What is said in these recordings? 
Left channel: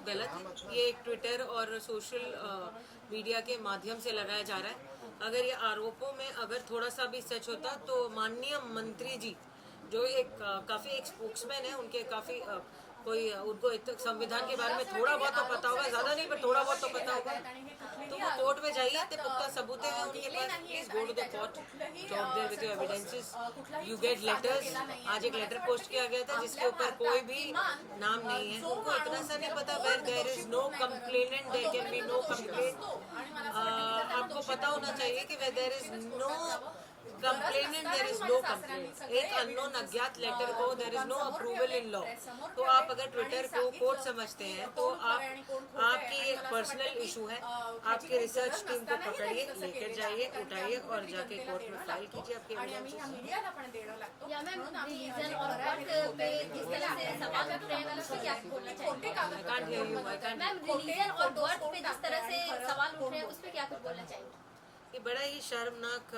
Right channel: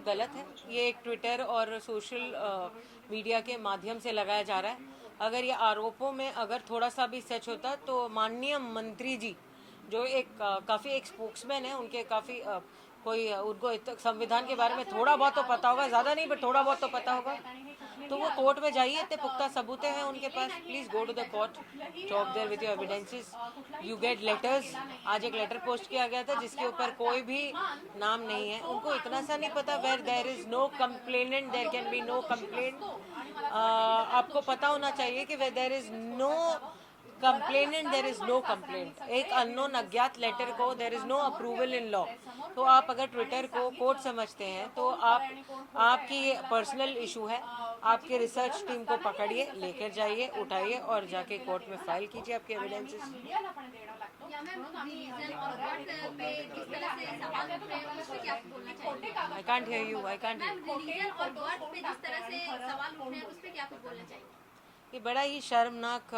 सब गलत है। ये एक ट्विटर और सोशल मीडिया के माध्यम से लगाया जा रहा है। अगर ये आरोपों में अगर थोड़ा सा भी सच होता तो माननीय मंत्री जी जो एक काफ़ी एक स्पोक्समैन है, उनके काफ़ी कोई उनको संविधान के बारे में थोड़ा बहुत तो पता होगा, ज़्यादा नहीं बट थोड़ा बहुत तो पता होगा, तो वो कोर्ट में जाइए। इतने पुख्ता सबूत हैं उनके पास, please go to the court, talk there with your evidences, you get letters. आज एक लेटर पोस्ट किया गया था जिसके ऊपर कोई भी नाम नहीं है। उनको इतना सा नहीं पता where there is no complainant there can be no complaint. आपको पता होना चाहिए कि where there is no complainant there is no complaint. एक अननोन अज्ञात लेटर को there is no approval in law. तो आप अगर ट्विटर को कोर्ट समझते हैं तो आपकी ये पर्सनल इशू है। आपके रिसर्च टीम को पकड़िए, लेकर जाइए, उठाइए और जाके कोर्ट में फाइल कीजिए आपके evidences. I can't hear you, I can't. ये बड़ा ही शर्मनाक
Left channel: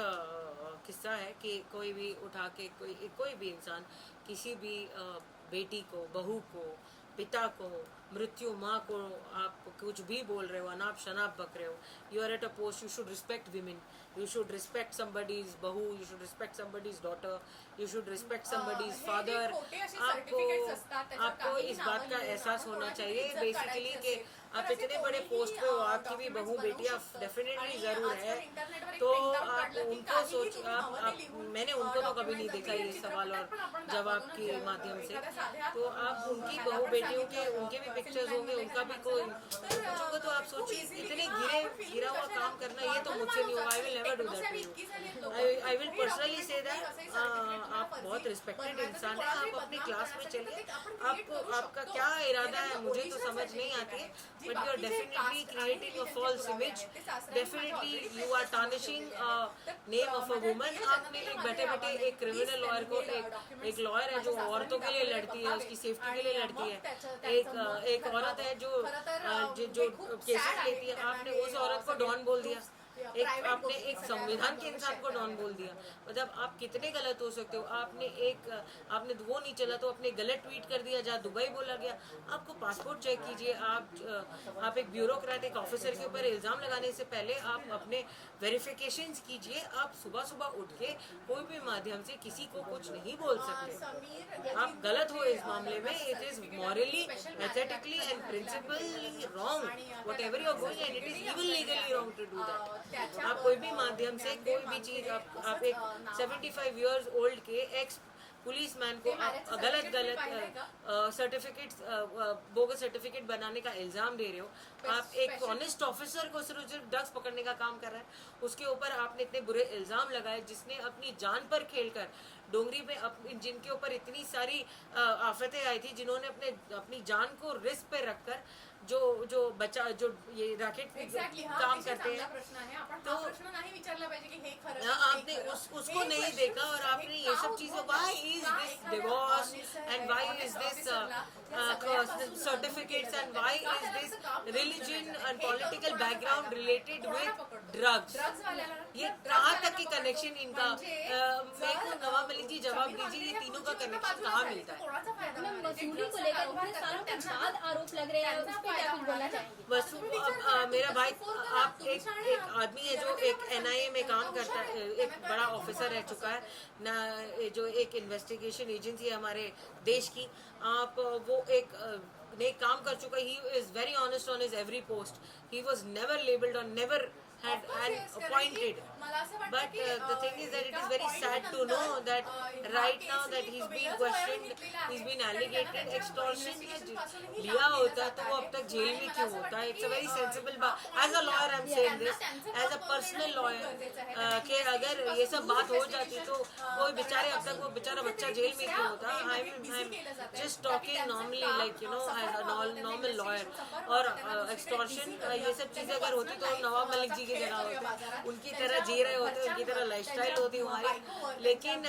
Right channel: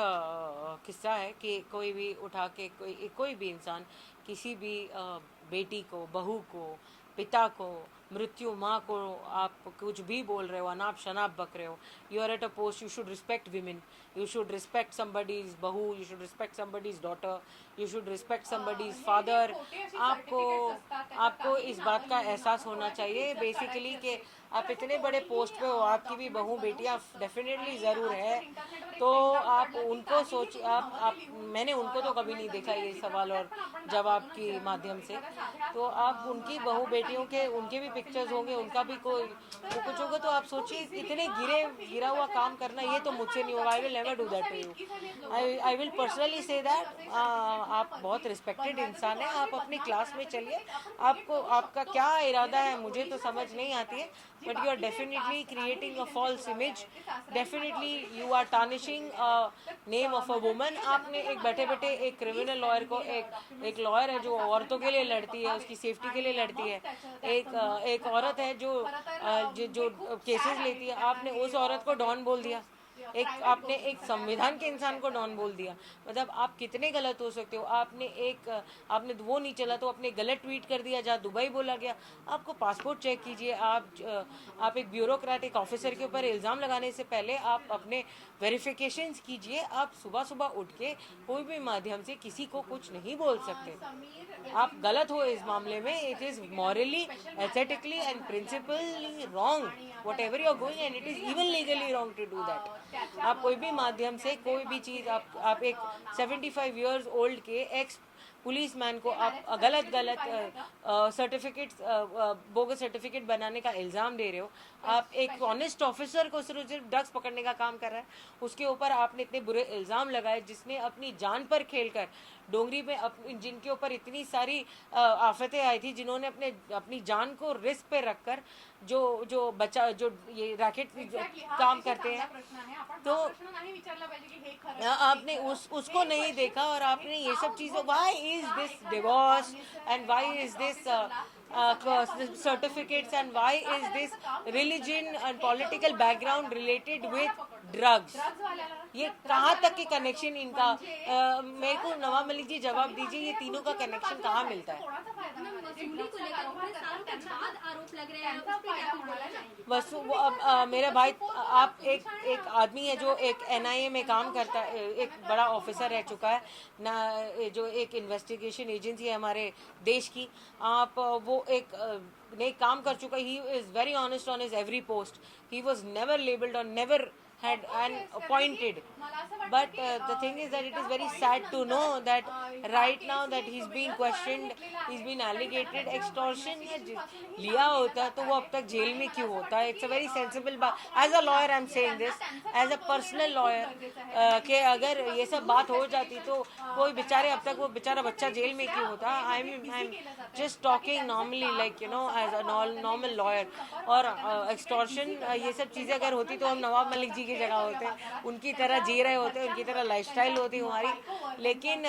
किस्सा है कि कोई भी उठा के कोई भी इंसान किसी भी बेटी को, बहू को, पिता को, मृत्यु माँ को आप कुछ भी बोल रहे हो, अनाप शनाप बक रहे हो। You are at a post, you should respect women, you should respect somebody's बहू, you should respect somebody's daughter, you should respect somebody's father. आपको इस बात का एहसास होना चाहिए बेसिकली कि आप इतने बड़े पोस्ट पे हो, आपकी भी बहू बेटियां डेफिनेटली ज़रूर है, तो आप उनको सोच आप मैंने उनको तो कभी नहीं देखा ये सवाल और जवाब के माध्यम से। तो आप उनकी बहू बेटियों के उनके भी पिक्चर्स होंगे, उनका भी कोई कुछ होगा, तो आप सोचिए इतने गिरा हुआ काम करना, ये तो मुझसे नहीं होगा। I will never do that to you. I will personally say that आप बहुत रिस्पेक्टेड इंसान हैं, आप अपनी क्लास में चलिए। आपका क्या इरादा है मुझे तो समझ नहीं आती है, but you are definitely creating a false image, definitely you are tarnishing name of a woman. आपने एक बैठे बैठे एक क्रिमिनल लॉयर को, एक लॉयर है जो औरतों के लिए लड़ती है, उसकी सेफ्टी के लिए लड़ती है, एक औरत है जो केसेस लेती है, आपने उस औरत को डॉन बोल दिया। आपने एक संविधान के इंसान को डॉन बोल दिया। मतलब आप कितने गलत हो सकते हो। आपने वो नहीं चला तो आपने गलत ट्वीट कर दिया जहाँ दुबई बोला गया। आपको पासपोर्ट चेक कीजिए। आप एक ब्यूरोक्रेटिक ऑफिसर के ऊपर इल्ज़ाम लगाने से पहले आप अपने वेरिफिकेशंस कीजिए। आप सुबह सुबह उठ के कोई भी माध्यम से किसी को कुछ नहीं बोल सकते। आप गलत हो इस मामले में। It is morally, ethically and principally wrong whatever you are going, and it is even legally wrong to do that. आप कोई भी माध्यम से कोई भी चीज़ आप एक 75 years old के एक्स पुलिस मैन को आप गलत सर्टिफिकेट बोगस सर्टिफिकेट बनाने का इल्ज़ाम दे रहे हो। आप एक ऑनेस्ट ऑफिसर को सिर्फ ड्रग्स पकड़ने का काम कर रहा है, उसके ऊपर आपने इतने बुरे इल्ज़ाम लगाए, जिसने अपनी जान पर खेलकर डोंगरी में जिनके ऊपर इतनी सारी आफतें आई थी, जिन्होंने अपनी जान को रिस्क पे रखकर जो ये रैकेट काम करते हैं, तो आपने उसको नहीं देखा और आपने ये सब चीज़ें, why is this divorce and why is this certificates and why is this religion and political background related with drugs. ये कहाँ तक की कनेक्शन इनका, मेरे को नवाब मलिक जी जवाब दीजिए, ये तीनों का कनेक्शन कहाँ मिलता है? बस मेरा भाई, आप एक आदमी है जो एक NIA में काम करता है, एक बड़ा ऑफिसर रह चुका है ना, जो एक इन्वेस्टिगेशन एजेंसी है हमारे देश की। आप वो एक काम कर चुका है। He is very honest on his every post. He was never labelled और never had and appointed, but the thing is that it is very sad to know that right now that he's being questioned, he's been alleged extortion लिया होता तो वो अब तक jail में क्यों होता है? It's a very sensible बात। As a lawyer I'm saying this, as a personal lawyer, कि अगर ये सब बात हो जाती तो कोई बेचारे अब तक वो बेचारा बच्चा जेल में क्यों होता? I'm just talking normally, like you know, as a normal lawyer। और extortion ये सब चीज़ें अगर होती तो हम नवाब मलिक जी की जगह होते हैं, उनकी तरह जी रहे होते हैं, उनकी तरह लाइफस्टाइल होती है हमारी। लेकिन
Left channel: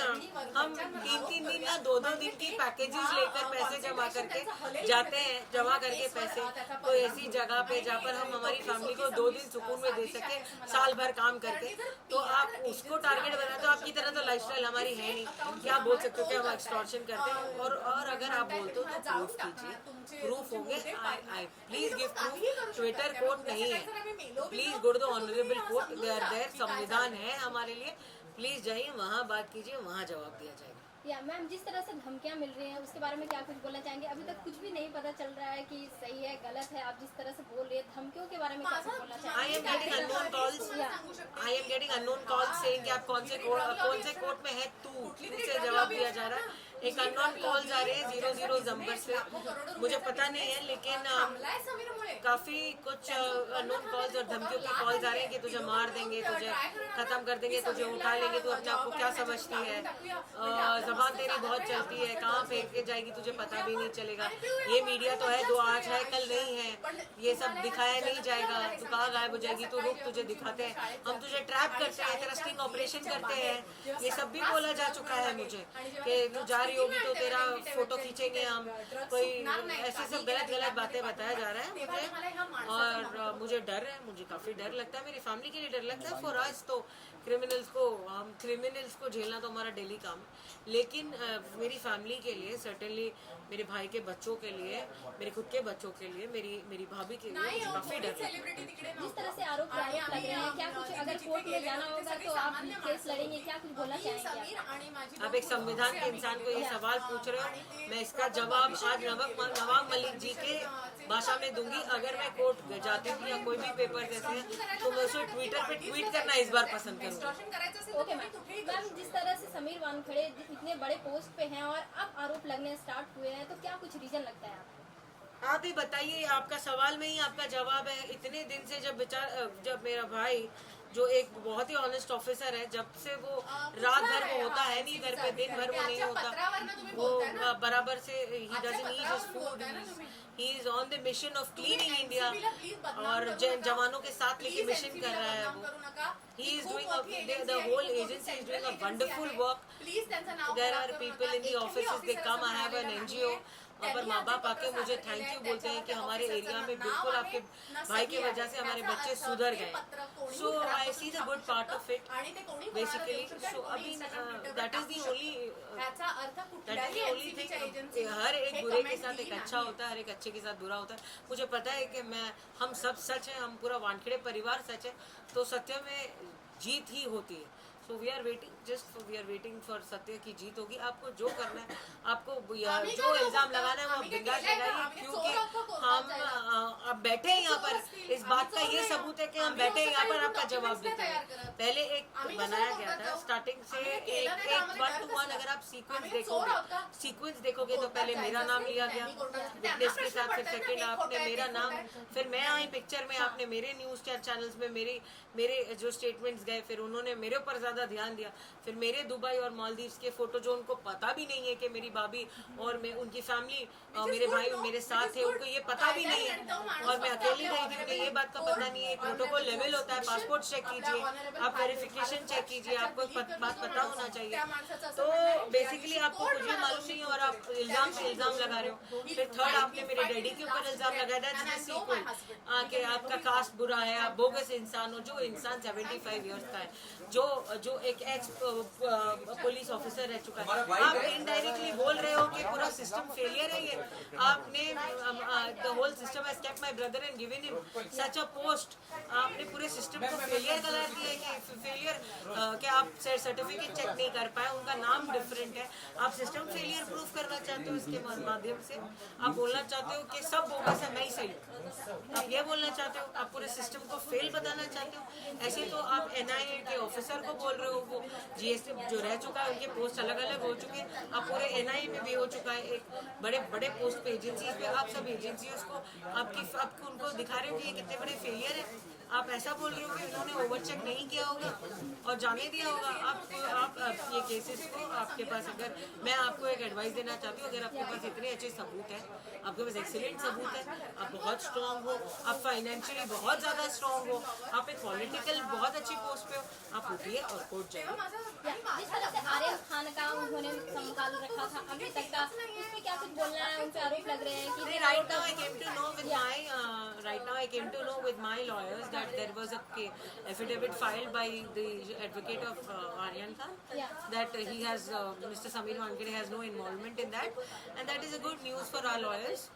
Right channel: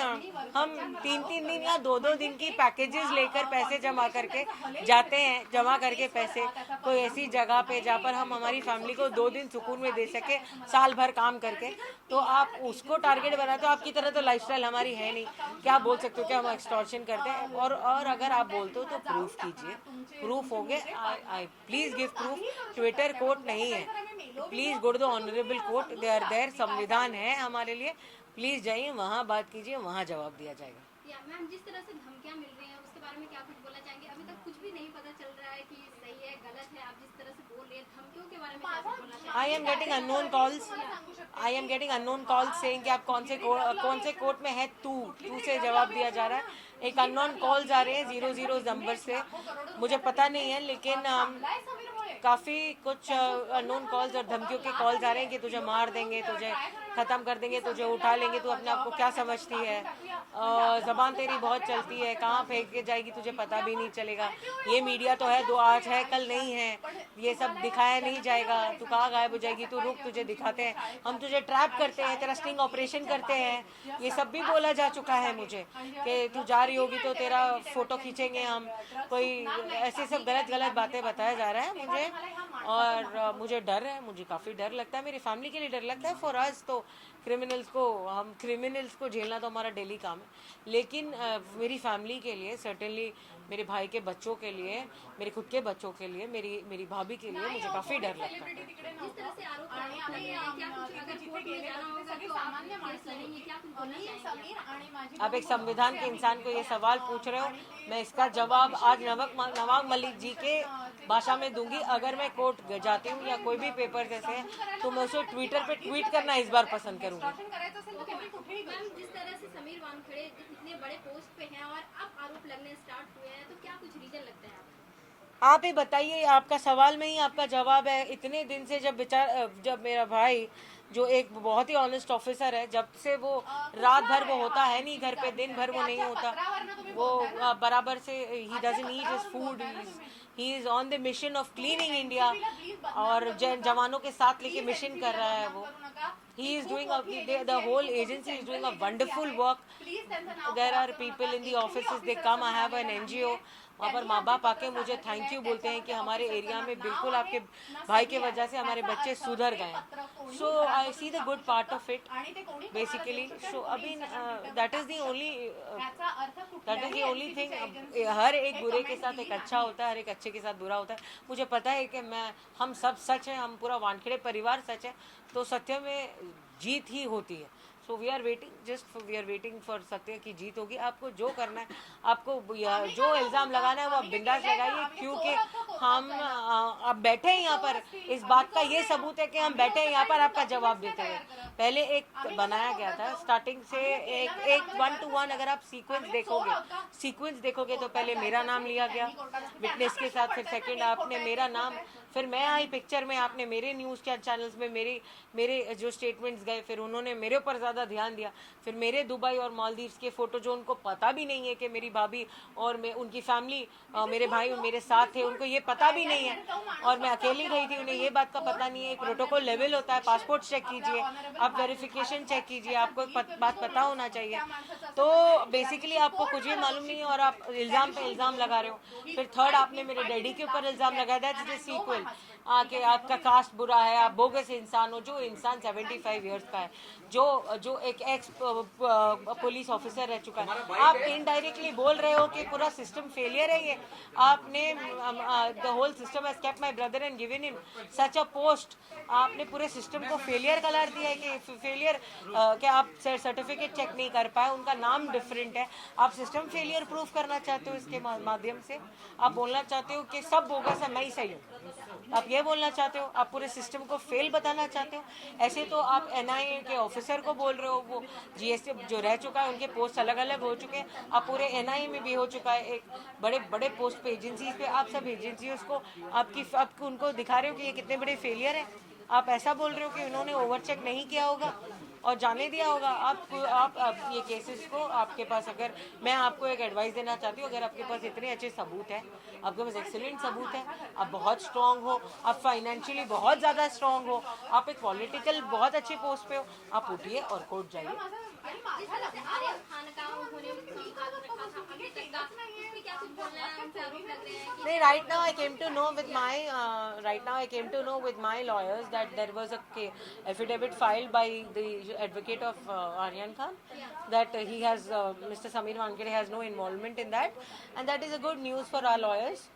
हम 3-3 दिन या 2-2 दिन की पैकेजेस लेकर पैसे जमा करके जाते हैं, जमा करके पैसे कोई ऐसी जगह पे जहाँ पर हम हमारी फैमिली को 2 दिन सुकून में दे सके साल भर काम करके, तो आप उसको टारगेट बनाते हो। आपकी तरह तो लाइफस्टाइल हमारी है नहीं कि आप बोल सकते हो कि हम एक्सटॉर्शन करते हैं। और अगर आप बोलते हो तो प्रूफ कीजिए, प्रूफ हो गए, I please give proof. Twitter court नहीं है, please go to the honourable court, they are there, संविधान है हमारे लिए, प्लीज जाइए वहाँ बात कीजिए, वहाँ जवाब दिया जाएगा। या मैम, जिस तरह से धमकियां मिल रही हैं उसके बारे में क्या कुछ बोलना चाहेंगे? अभी तक कुछ भी नहीं पता चल रहा है कि सही है गलत है, आप जिस तरह से बोल रही है धमकियों के बारे में क्या कुछ बोलना चाहेंगे? I am getting unknown calls, I am getting unknown calls saying कि आप कौन से कोर्ट में है, तू से जवाब दिया जा रहा है। एक अननोन कॉल्स आ रहे हैं 00 नंबर से, मुझे पता नहीं है, लेकिन काफ़ी कुछ अननोन कॉल्स और धमकियों के कॉल्स आ रहे हैं कि तुझे मार देंगे, तुझे ख़त्म कर देंगे, तुझे उठा लेंगे, तू अपने आप को क्या समझती है, ज़बान तेरी बहुत चलती है, कहाँ फेंक के जाएगी तुझे पता भी नहीं चलेगा, ये मीडिया तो है, दो आज है कल नहीं है, ये सब दिखाया नहीं जाएगा, तू कहाँ गायब हो जाएगी, तू रुक, तुझे दिखाते हैं, हम तुझे ट्रैप करते हैं, तेरा स्टिंग ऑपरेशन करते हैं, ये सब भी बोला जा चुका है मुझे कि तू जा रही होगी तो तेरा फोटो खींचेंगे हम, कोई ऐसे सब गलत बातें बताया जा रहा है मुझे। और मुझे डर है, मुझे काफ़ी डर लगता है, मेरी फैमिली के लिए डर लगता है। फॉर अस तो क्रिमिनल्स को झेलना तो हमारा डेली काम है, लेकिन मेरी फैमिली के लिए सर्टेनली, मेरे भाई के बच्चों के लिए, मेरे खुद के बच्चों के लिए, मेरी भाभी के लिए मुझे काफ़ी डर लगता है। जिस तरह से आरोप लग रहे हैं, क्या कुछ अगर कोर्ट में जाना होगा तो आप केस लड़ेंगे, क्या कुछ बोलना चाहेंगे? आप एक संविधान के इंसान को ये सवाल पूछ रहे हो, मैं इसका जवाब आज नवाब मलिक जी के भाषा में दूंगी। अगर मैं कोर्ट जाती हूँ या कोई भी पेपर देते हैं तो मैं उसे ट्विटर पे ट्वीट करना इस बार पसंद करूँगी। मैम, जिस तरह से समीर वानखेड़े इतने बड़े पोस्ट पे हैं और अब आरोप लगने स्टार्ट हुए हैं, तो क्या कुछ रीजन लगता है आपको? आप ही बताइए, आपका सवाल में ही आपका जवाब है। इतने दिन से जब मेरा भाई जो एक बहुत ही ऑनेस्ट ऑफिसर है, जब से वो रात भर वो होता है नहीं घर पे, दिन भर वो नहीं होता, वो बराबर से he doesn't eat his food, he is on the mission of cleaning India, और जवानों के साथ लेके मिशन कर रहा है वो। He is doing the whole agency is doing a wonderful work. There are people in the offices, they come, I have an NGO, वहाँ पर माँ बाप आके मुझे थैंक यू बोलते हैं कि हमारे एरिया में बिल्कुल आपके भाई की वजह से हमारे बच्चे सुधर गए। So I see the good part of it basically. So अभी that is the only thing. हर एक बुरे के साथ एक अच्छा होता है, हर एक अच्छे के साथ बुरा होता है। मुझे पता है कि हम सब सच हैं, हम पूरा वानखेड़े परिवार सच है, तो सत्य में जीत ही होती है। So we are waiting for सत्य की जीत होगी। आपको जो करना है, आपको जो इल्ज़ाम लगाना है वो आप बिंदास लगाइए, क्योंकि हम अब बैठे हैं यहाँ पर। इस बात का ये सबूत है कि हम बैठे हैं यहाँ पर, आपका जवाब देते हैं। पहले एक बनाया गया था स्टार्टिंग से, एक 1 to 1 अगर आप सीक्वेंस देखोगे तो पहले मेरा नाम लिया गया विटनेस के साथ, फिर सेकंड आपने मेरा नाम, फिर मैं आई पिक्चर में, आपने मेरे न्यूज़ चैनल्स में मेरे जो स्टेटमेंट्स गए, फिर उन्होंने मेरे ऊपर ज़्यादा ध्यान दिया, फिर मेरे दुबई और मालदीव्स के फ़ोटो, जो उनको पता भी नहीं है कि मेरी भाभी और उनकी फैमिली, मेरे भाई मेरे साथ थे, उनको ये पता भी नहीं है, और मैं अकेली गई थी, उन्हें ये बात का पता नहीं है। प्रोटोकॉल लेवल होता है, पासपोर्ट चेक कीजिए, आप वेरिफिकेशन चेक कीजिए, आपको एक बात पता होना चाहिए। तो बेसिकली आपको कुछ भी मालूम नहीं है और आप इल्ज़ाम पे इल्ज़ाम लगा रहे हो। फिर थर्ड आपने मेरे डैडी के ऊपर इल्ज़ाम लगाया, दैट्स द सीक्वेंस, आके आपका कास्ट बुरा है, आप बोगस इंसान हो। जो इंसान 75 ईयर्स का है, जो एक एक्स पुलिस ऑफिसर रह चुका है, आप इनडायरेक्टली बोल रहे हो कि पूरा सिस्टम फेलियर है। ये आपने the whole system has kept my brother and given him such a post. आपने पूरे सिस्टम को फेलियर करार दिया है कि फेलियर कि आप सर्टिफिकेट चेक नहीं कर पाए, उनका नाम डिफरेंट है, आप सिस्टम फेलियर प्रूफ करना चाहते हो। इसके माध्यम से आप बोलना चाहते हो कि सब बोगस है, मैं ही सही हूँ। आप ये बोलना चाहते हो, आप पूरे सिस्टम को फेल बताना चाहते हो। ऐसे तो आप NIA के ऑफिसर को बोल रहे हो, वो GST जो रह चुका है, उनके पोस्ट अलग अलग हो चुके हैं, आप पूरे NIA में भी हो चुका है, एक बड़े पोस्ट पे एजेंसीज पे, आप सब एजेंसीज को आपको उनको दिखा रहे हो कि ये कितने बड़े फेलियर हैं। आप ऐसा बोल रहे हो कि उन्होंने ओवर चेक नहीं किया होगा। और जाने दिया होगा। आप ये केसेस को, आपके पास अगर, मैं आपको एक एडवाइस देना चाहती हूँ, अगर आपके पास इतने अच्छे सबूत हैं, आपके पास एक्सीलेंट सबूत है, आप बहुत स्ट्रांग हो, आप फाइनेंशियली बहुत ज़्यादा स्ट्रांग हो, आप एक पॉलिटिकल बहुत अच्छी पोस्ट पे हो, आप उठिए और कोर्ट जाइए। जिस तरह से आर्यन खान का उन्होंने संकाल रखा था अभी तक का, उसमें क्या कुछ बोलना है? उनसे आरोप लग रहे हैं कि नहीं, right now I came to know with my lawyers that there was a affidavit filed by the advocate of Aryan Khan, that he has Mr. Samir Wankade has no involvement in that, and that is a good news for our lawyers.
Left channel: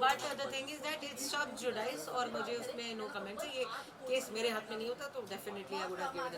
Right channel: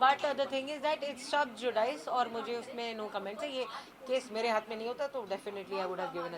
But the thing is that it's sub judice, और मुझे उसमें no comment है। ये case मेरे हाथ में नहीं होता तो definitely I would have given